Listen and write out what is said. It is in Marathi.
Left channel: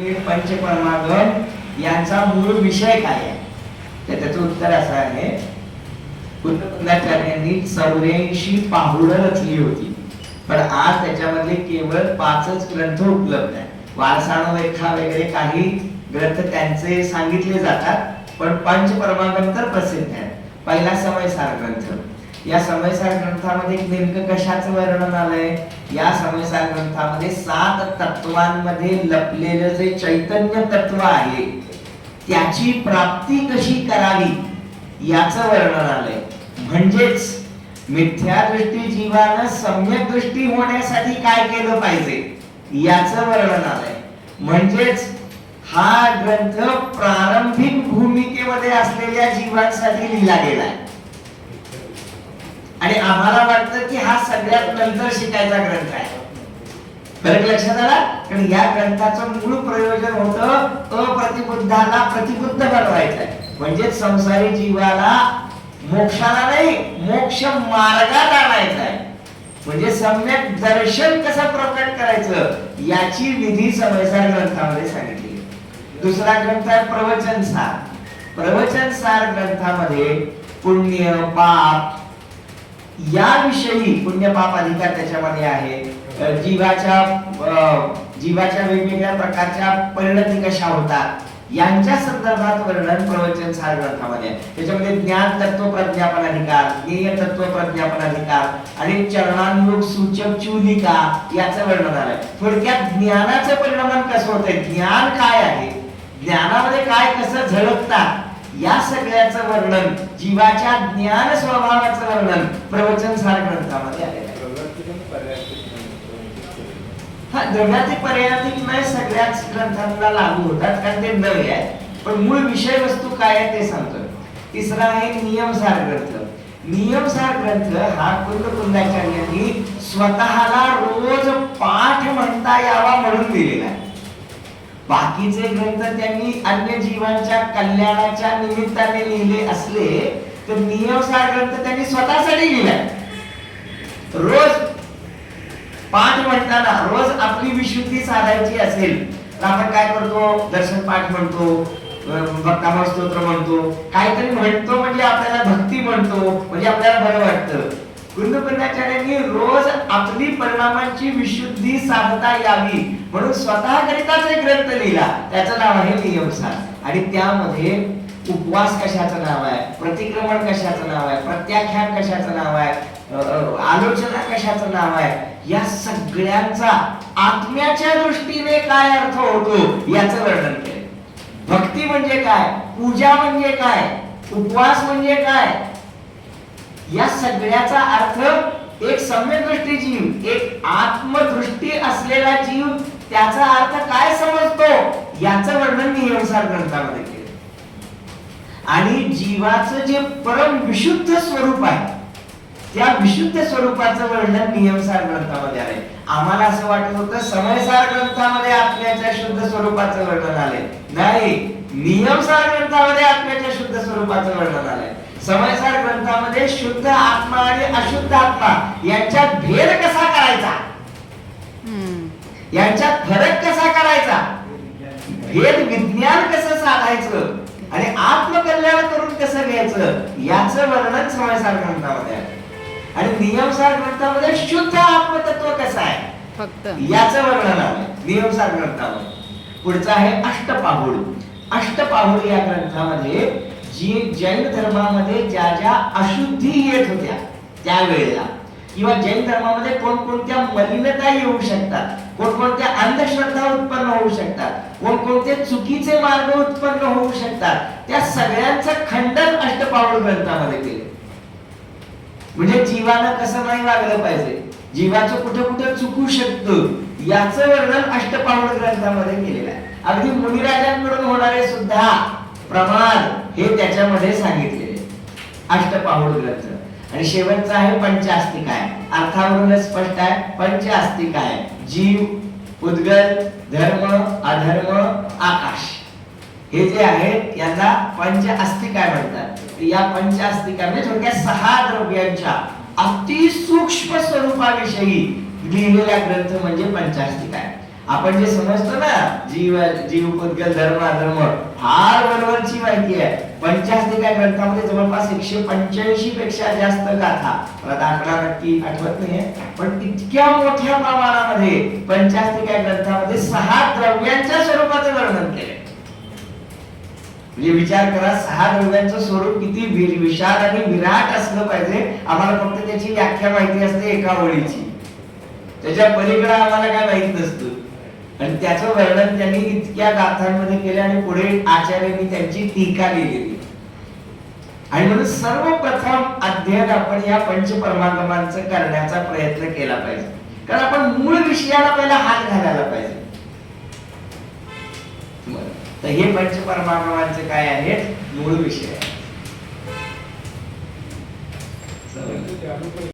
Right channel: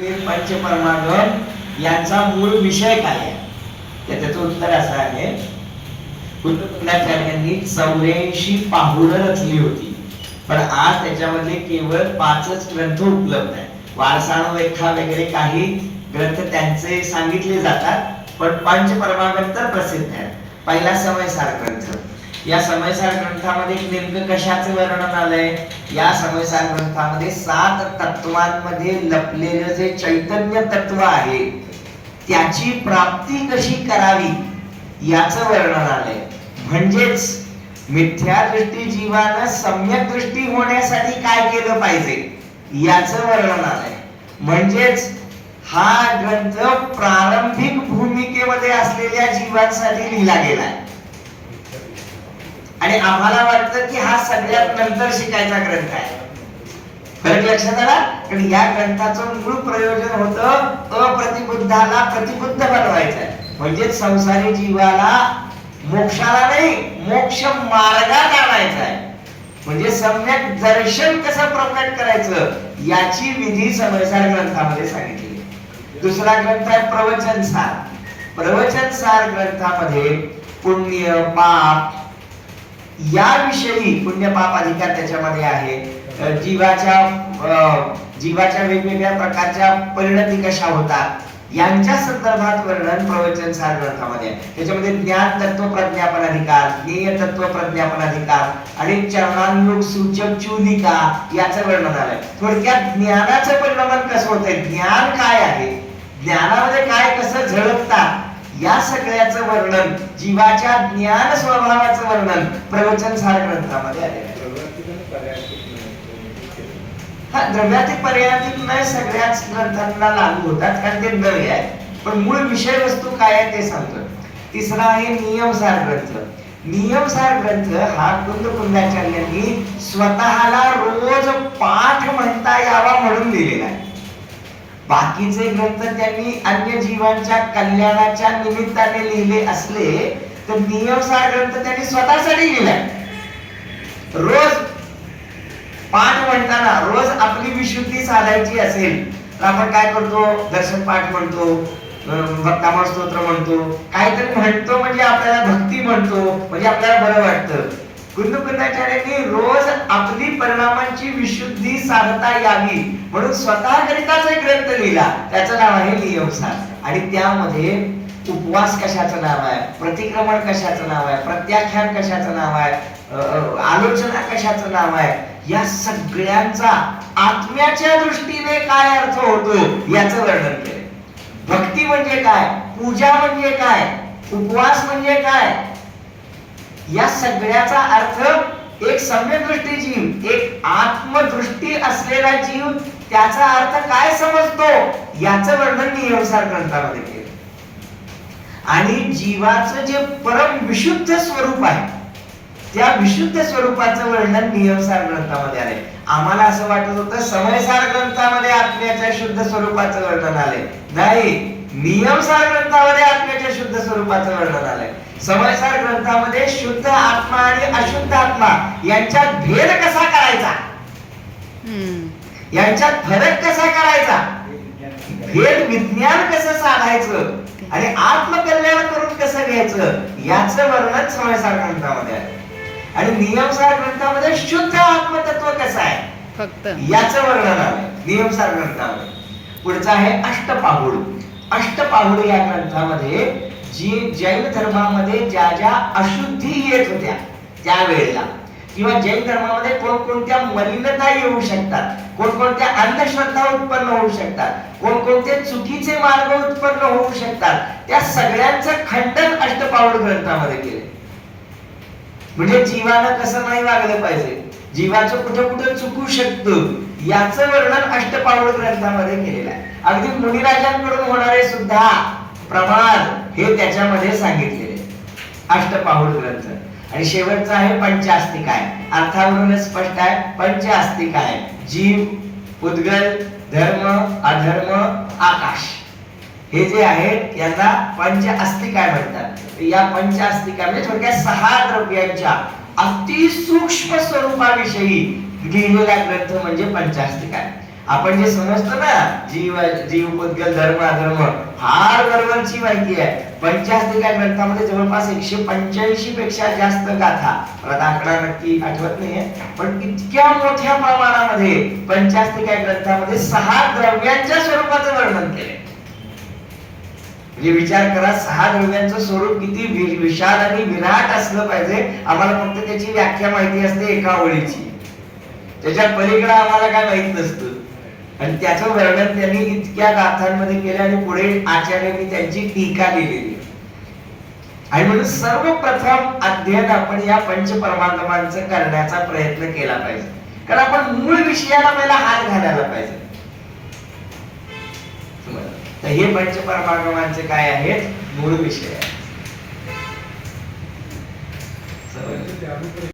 पंचपरमागम यांचा मूळ विषय काय आहे? त्याचं उत्तर असं आहे, कुलचार्यांनी 84 पाहुणं रचली होती, पण आज त्याच्यामध्ये केवळ 5च ग्रंथ उपलब्ध आहेत. वारसाणोरेखा वगैरे काही ग्रंथ त्यांचे सांगितले जातात, पण पंचपरमागम तर प्रसिद्ध आहे. पहिला समयसार ग्रंथ. या समयसार ग्रंथामध्ये नेमकं कशाचं वर्णन आलंय? या समयसार ग्रंथामध्ये 7 तत्वांमध्ये लपलेलं जे चैतन्य तत्व आहे त्याची प्राप्ती कशी करावी याचं वर्णन आलंय. म्हणजेच मिथ्या दृष्टी जीवानं सम्यक दृष्टी होण्यासाठी काय केलं पाहिजे याचं वर्णन आलंय. म्हणजेच हा ग्रंथ प्रारंभिक भूमिकेमध्ये असलेल्या जीवांसाठी लिहिला गेलाय आणि आम्हाला वाटतं की हा सगळ्यात नंतर शिकायचा ग्रंथ आहे. बरं लक्षात आला? कारण या ग्रंथाचं मूळ प्रयोजन होतं अप्रतिबुद्धाला प्रतिबुद्ध बनवायचं, म्हणजे संसारी जीवाला मोक्षाला नाही मोक्ष मार्गात आणायचा आहे. म्हणजे सम्यक दर्शन कसं प्रकट करायचं याची विधी समयसार ग्रंथामध्ये सांगितली. दुसरा ग्रंथ आहे प्रवचन सार. प्रवचन सार ग्रंथामध्ये पुण्य पाप याविषयी, पुण्य पाप अधिकार त्याच्यामध्ये आहे. जीवाच्या वेगवेगळ्या प्रकारच्या परिणती कशा होतात यांच्या संदर्भात वर्णन प्रवचन सार ग्रंथामध्ये आहे. त्याच्यामध्ये ज्ञान तत्व प्रज्ञापन अधिकार, ज्ञेय तत्व प्रज्ञापन अधिकार आणि चरणानुरूप सूचक चूलिका याचं वर्णन आलंय. थोडक्यात ज्ञानाचं परिणाम कसं होतंय, ज्ञान काय आहे, ज्ञानामध्ये काय कसं झळकतात या सगळ्याचं वर्णन, जीवाच्या ज्ञान स्वभावाचं वर्णन प्रवचन सार ग्रंथामध्ये आलेलं आहे. हा, द्रव्यातीत पर्यायातीत नाही सगळ्याच ग्रंथांना लागू होतात कारण ते द्रव्य आहे, पण मूळ विषय वस्तू काय आहे ते सांगतो. तिसरा आहे नियमसार ग्रंथ. नियमसार ग्रंथ हा कुलचार्यांनी स्वतःला रोज पाठ म्हणता यावा म्हणून लिहिलेला आहे. बाकीचे ग्रंथ त्यांनी अन्य जीवांच्या कल्याणाच्या निमित्ताने लिहिले असले तर नियमसार ग्रंथ त्यांनी स्वतःसाठी लिहिलाय. रोज पाठ म्हणताना रोज आपली विशुद्धी साधायची असेल तर आपण काय करतो, दर्शन पाठ म्हणतो, भक्तामळ स्तोत्र म्हणतो, काहीतरी म्हणतो म्हणजे आपल्याला भक्ती म्हणतो, म्हणजे आपल्याला बरं वाटतं. कुलचार्यांनी रोज आपली परिणामांची विशुद्धी साधता यावी म्हणून स्वतःकरिताच एक ग्रंथ लिहिला, त्याचं नाव आहे नियमसार. आणि त्यामध्ये उपवास कशाचं नाव आहे, प्रतिक्रमण कशाचं नाव आहे, प्रत्याख्यान कशाचं नाव आहे, आलोचना कशाचं नाव आहे, या सगळ्यांचा आत्म्याच्या दृष्टीने काय अर्थ होतो याचं वर्णन केलं. भक्ती म्हणजे काय, पूजा म्हणजे काय, उपवास म्हणजे काय, या सगळ्याचा अर्थ एक सम्यक दृष्टी जीव, एक आत्मदृष्टी असलेला जीव त्याचा अर्थ काय समजतो याचं वर्णन नियमसार ग्रंथामध्ये केलं. आणि जीवाचं जे परम विशुद्ध स्वरूप आहे त्या विशुद्ध स्वरूपाचं वर्णन नियमसार ग्रंथामध्ये आले. आम्हाला असं वाटत होतं समयसार ग्रंथामध्ये आत्म्याच्या शुद्ध स्वरूपाचं वर्णन आले, नाही, नियमसार ग्रंथामध्ये आत्म्याच्या शुद्ध स्वरूपाचं वर्णन आलंय. समयसार ग्रंथामध्ये शुद्ध आत्मा आणि अशुद्ध आत्मा यांच्यात भेद कसा करायचा, यांच्यात फरक कसा करायचा, भेद विज्ञान कसं साधायचं आणि आत्मकल्याण करून कसं घ्यायचं याचं वर्णन समयसार ग्रंथामध्ये आहे. आणि नियमसार ग्रंथामध्ये शुद्ध आत्मतत्व कसं आहे फक्त याचं वर्णन आहे नियमसार ग्रंथामध्ये. पुढचा आहे अष्टपाहुड. अष्टपाहुड या ग्रंथामध्ये जी जैन धर्मामध्ये ज्या ज्या अशुद्धी येत होत्या त्यावेळेला, किंवा जैन धर्मामध्ये कोणकोणत्या मलिनता येऊ शकतात, कोणकोणत्या अंधश्रद्धा उत्पन्न होऊ शकतात, कोणकोणते चुकीचे मार्ग उत्पन्न होऊ शकतात, त्या सगळ्यांचं खंडन अष्टपाहुड ग्रंथामध्ये केले. म्हणजे जीवानं कसं नाही वागलं पाहिजे, जीवाचं कुठे कुठे चुकू शकतं याचं वर्णन अष्टपाहुड ग्रंथामध्ये केलेलं आहे. अगदी मुनिराजांकडून होणारे सुद्धा प्रमाद हे त्याच्यामध्ये सांगितलेले अष्टपाहुड ग्रंथ. आणि शेवटचा आहे पंचास्तिकाय. अर्थावरूनच स्पष्ट आहे, पंचास्तिकाय जीव, उद्गल, धर्म, अधर्म, आकाश हे जे आहेत यांना पंचास्तिकाय म्हणतात. या पंचास्तिकाय म्हणजे थोडक्यात 6 द्रव्यांच्या अति सूक्ष्म स्वरूपाविषयी लिहिलेला ग्रंथ म्हणजे पंचास्तिकाय. आपण जे समजतो ना जीव पुद्गल धर्म अधर्म फार वरवरची माहिती आहे. पंचास्तिका ग्रंथामध्ये जवळपास 185 पेक्षा जास्त गाथा, मला आकडा नक्की आठवत नाहीये, पण इतक्या मोठ्या प्रमाणामध्ये पंचास्तिका ग्रंथामध्ये 6 द्रव्यांच्या स्वरूपाचं वर्णन केलंय. म्हणजे विचार करा, 6 द्रव्यांचं स्वरूप किती विशाल आणि विराट असलं पाहिजे. आम्हाला फक्त त्याची व्याख्या माहिती असते एका ओळीची, त्याच्या पलीकडे आम्हाला काय माहित नसतं. आणि त्याचं वर्णन त्यांनी इतक्या गाथांमध्ये केलं आणि पुढे आचार्यांनी त्यांची टीका लिहिलेली. आणि म्हणून सर्वप्रथम अध्ययन आपण या पंचपरमागमांचं करण्याचा प्रयत्न केला पाहिजे, कारण आपण मूळ विषयाला पहिला हात घालायला पाहिजे. तर हे पंचपरमागमांचे काय आहे, मूळ विषय आहे.